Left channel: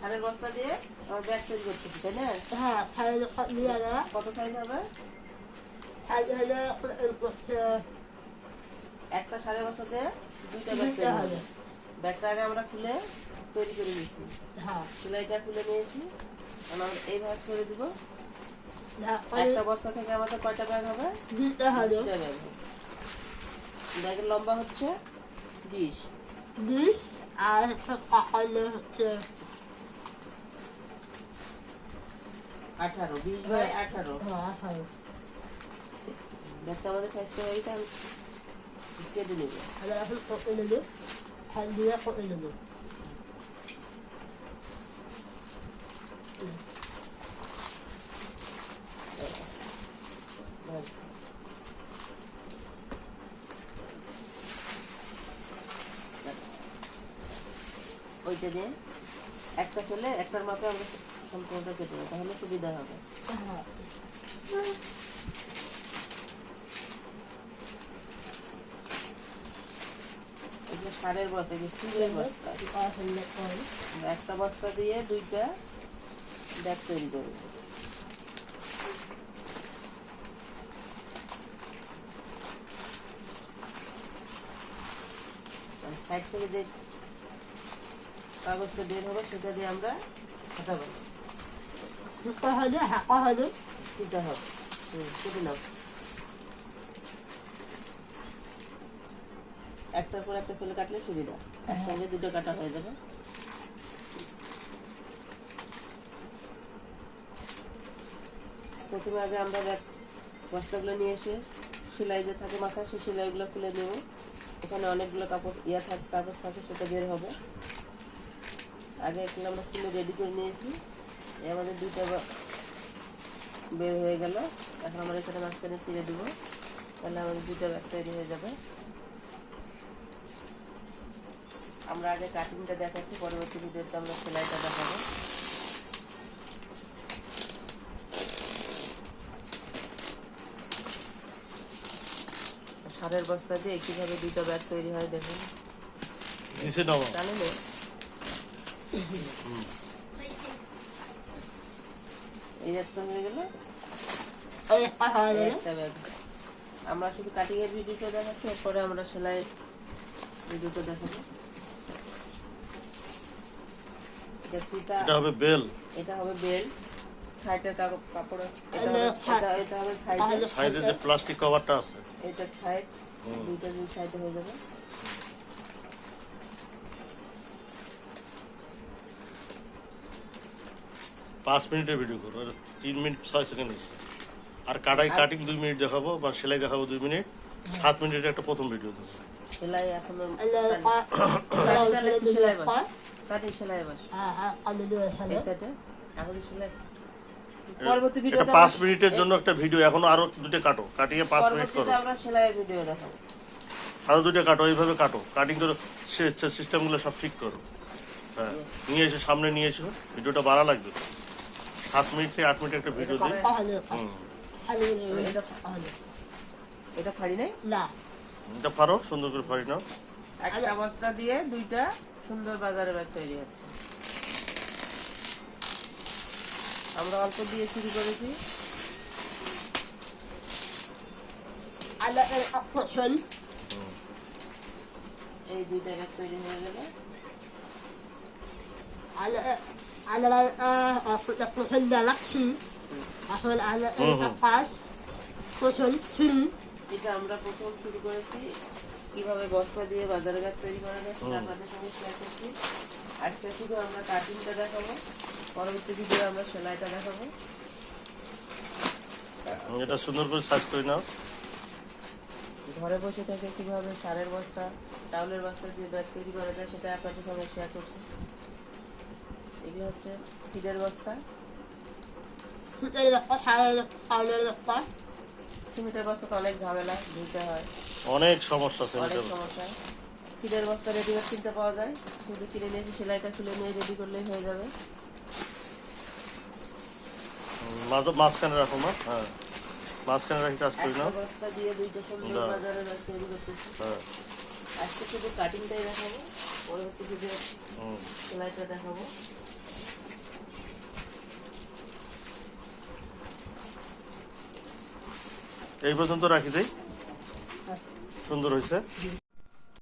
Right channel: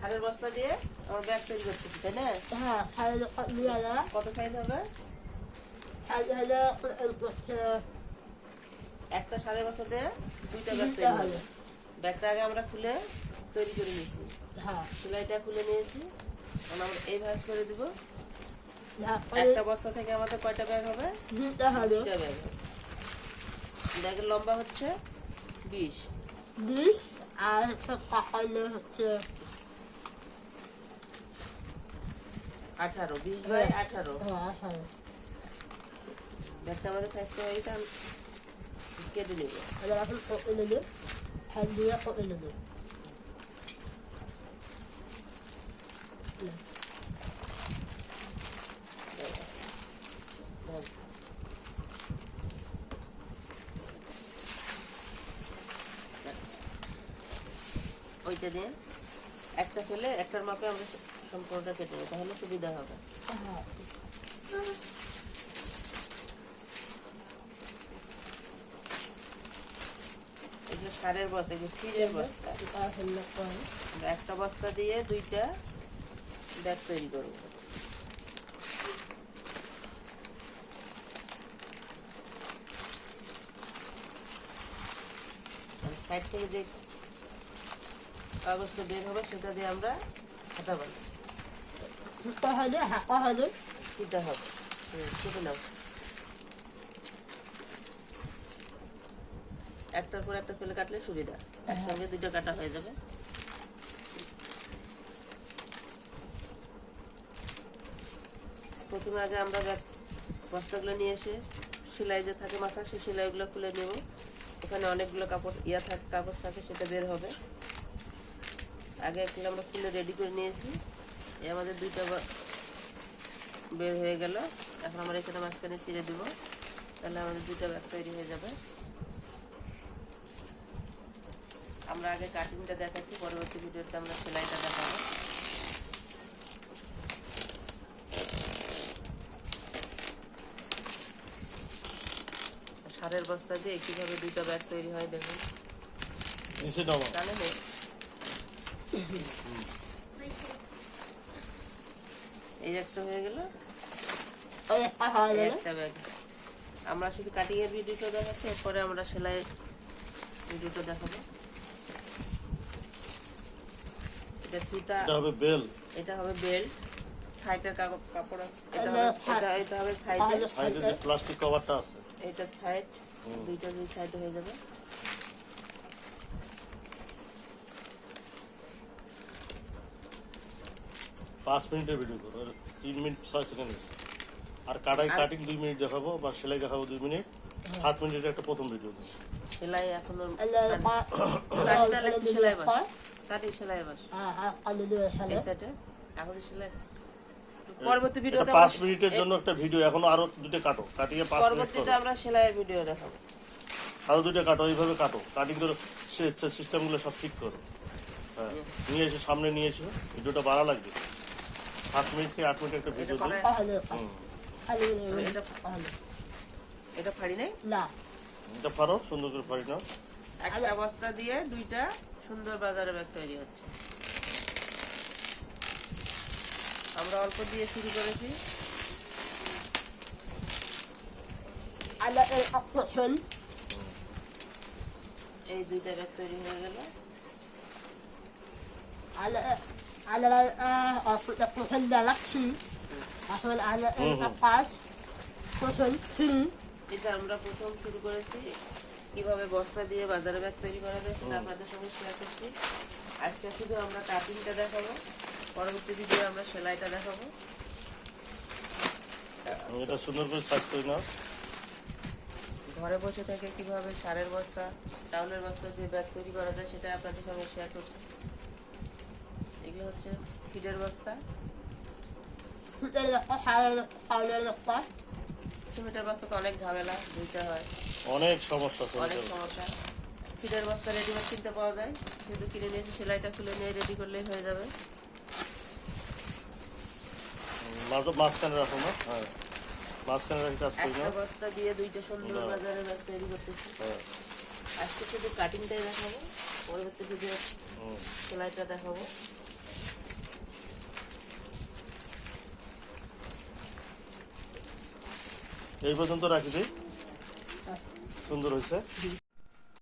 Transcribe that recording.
সারের বস্তা দিয়ে আমার ব্যাগ তৈরি করতেছি তাই না? হ্যাঁ কত সাইজ হবে? একটা সারের বস্তা দিয়ে দুইটা ব্যাগ তৈরি হবে। ব্যাগটা আগে আমরা খুলে তৈরি করে নিয়েছি। হ্যাঁ। সেলাইটা খুলে নিয়েছি। আমরা এই ভাঁজ করে দিব। ঢাকা একটা বস্তা থেকে আমাদের কয়টা ব্যাগ হবে? দুইটা ব্যাগ। ব্যাগের লম্বা হচ্ছে বিশ। বিশ আর হচ্ছে পাকালে হচ্ছে আঠারো বিশ বাই আঠারো। হ্যাঁ হ্যাঁ ব্যাগটা আমাদের করে এইটা আমি কেটে নেব। এখন কপে নেব। হ্যান্ড দিয়ে কপে নেব। ওইটা দিয়ে একটা ফেলে একটার মাপে আমরা সম্পূর্ণটা কেটে নেব, তাহলে সুবিধা হবে। সারের বস্তা এগুলো স্টিলের বস্তা। একটা বস্তা দিয়ে দুইটা ব্যাগ তৈরি করব। সাইড থেকে যে কাগজটা বের হবে, সেটা দিয়ে আমরা হাতা বানাবো। দিতে হবে হাঁকা হবে দিতে হবে। হুম কেটে নাও। একটার পর একটা ফেলে কাটলে সুবিধা। একসঙ্গে দুটো কাটা হয়ে যাবে। প্রথমে আগে আমরা বস্তাগুলো নিয়ে এসে সেলাই যে থাকে মাথা সেই সেলাইগুলো খুলে নেব। এখানে অনেকগুলো কাপড় ইয়া থাকে কাগজ থাকে সেটা বের হবে। আগে এগুলো আমরা খুলে রেডি করে নিয়েছি। আমাদের দুইটা বের হয়ে গেল। এখন আমরা এখানে মাঝখানে চিড়ে দেবো। তাহলে আমাদের দুটো ব্যাগ তৈরি হয়ে যাবে। আমরা আগে কাটিংটা দেখাচ্ছি পরবর্তী ভিডিওতে আমরা সেলাইটা দেখাবো। সারের বস্তা দিয়ে কীভাবে দুটো ব্যাগ তৈরি হয় দেখুন। নিচে হয়ে গেল। একটা ব্যাগ আমরা শুধু কাটিং এর ভিডিওটা দেখাচ্ছি এরপরে আমরা সেলাই ভিডিওটা দেখাবো। এটা হবে বেল। এটা হবে বেল্ট সাইডের কাপড় কাপড় আছে। এটা হবে এটা এটা হবে সাইডে সাইডে যে প্লাস্টিক কভারটা আছে। এটা সাইড। দুইটা দুই সাইডে হয়ে যাবে। পাঁচ মিনিটের ভিডিও করব আর তিন মিনিট ছয় সেকেন্ড আর কাটাই কাটিং দুই মিনিট দেখাবো বা সেলাই দেখাবো দুই মিনিট। সাত মিনিটের একটা প্রথম ভিডিও দেবো। সেলাই এখনও সেলাই বাস? কাটিং সেলাই বাস? হ্যাঁ হ্যাঁ আলু দিয়ে খেলে এই সাইডে এখন সেলাই। পরবর্তী এটা ভিডিওতে পাঁচ মিনিটের জন্য একটা ভিডিও এখনও আরও দুটো কাটো। কাটিয়ে পাঁচ মিনিট করো। পরবর্তীতে আমরা সেলাইয়ের ভিডিও দেখাবো। আরও দুটো কাটো এইভাবে কাটো। কাটিং করো সিস্টেমগুলো সব ঠিক করো। হ্যাঁ নিয়ে এসে সামনে নিয়ে এসো। ভিডিওটা বাড়া লাগবে। সাত মিনিট থেকে আট মিনিট একটা ভিডিও দিই। এটা ফাড়ি নেই? না। এটা পারো সুন্দর করে পারি নাও। একটা বস্তা দিয়ে দুইটা সুন্দর বাজারে ব্যাগ তৈরি হচ্ছে। আমরা অল্প দিয়ে শুরু করেছি। এই দুইটা ব্যাগ তৈরি হয়ে গেল। على على قفل دلقسي عشان على القاس قفل فيلم এটা আমরা প্রথম শুরু করেছি কিভাবে বস্তা দিয়ে বাজারে ব্যাগ তৈরি করা যায় সেটা আপনাদের সঙ্গে শেয়ার করছি আজকে শুধু আমরা কাটিংটা দেখাবো পরবর্তী ভিডিও আমরা সেলাইটা দেখাবো এটা সুন্দর করে সার্চ করে নাও ঘরে বসে থেকে কিভাবে সারের বস্তা চাউলের বস্তা দিয়ে ব্যাগ তৈরি করা যায় সেটা আপনাদের সঙ্গে শেয়ার করছি এগুলো হচ্ছে ফিডের বস্তা। সিমেন্টের বস্তা তো অনেক ঝামেলা ধুইতে হয়। অনেক সমস্যা অনেক সমস্যা। ফিডের বস্তা রেডিমেড কিনতে পাওয়া যায়। শুধু কিনে নিয়ে সেলাইটা খুলে নিয়ে রেডি করলেই হয়ে যাবে। মাঝখানে রাখো না হ্যাঁ? হ্যাঁ। মাঝখানে রাখি কাজ করি না। বস্তা দিয়ে দুইটা সবজি হ্যাঁ। বাজারে ব্যাগ তৈরি করতেছি। হ্যাঁ। আজকে শুধু কাটিংটাই দেখাবো পরবর্তী ভিডিও সেলাইটা দেখাবো। এই পর্যন্ত রাখি দেই। সুন্দর হয়েছে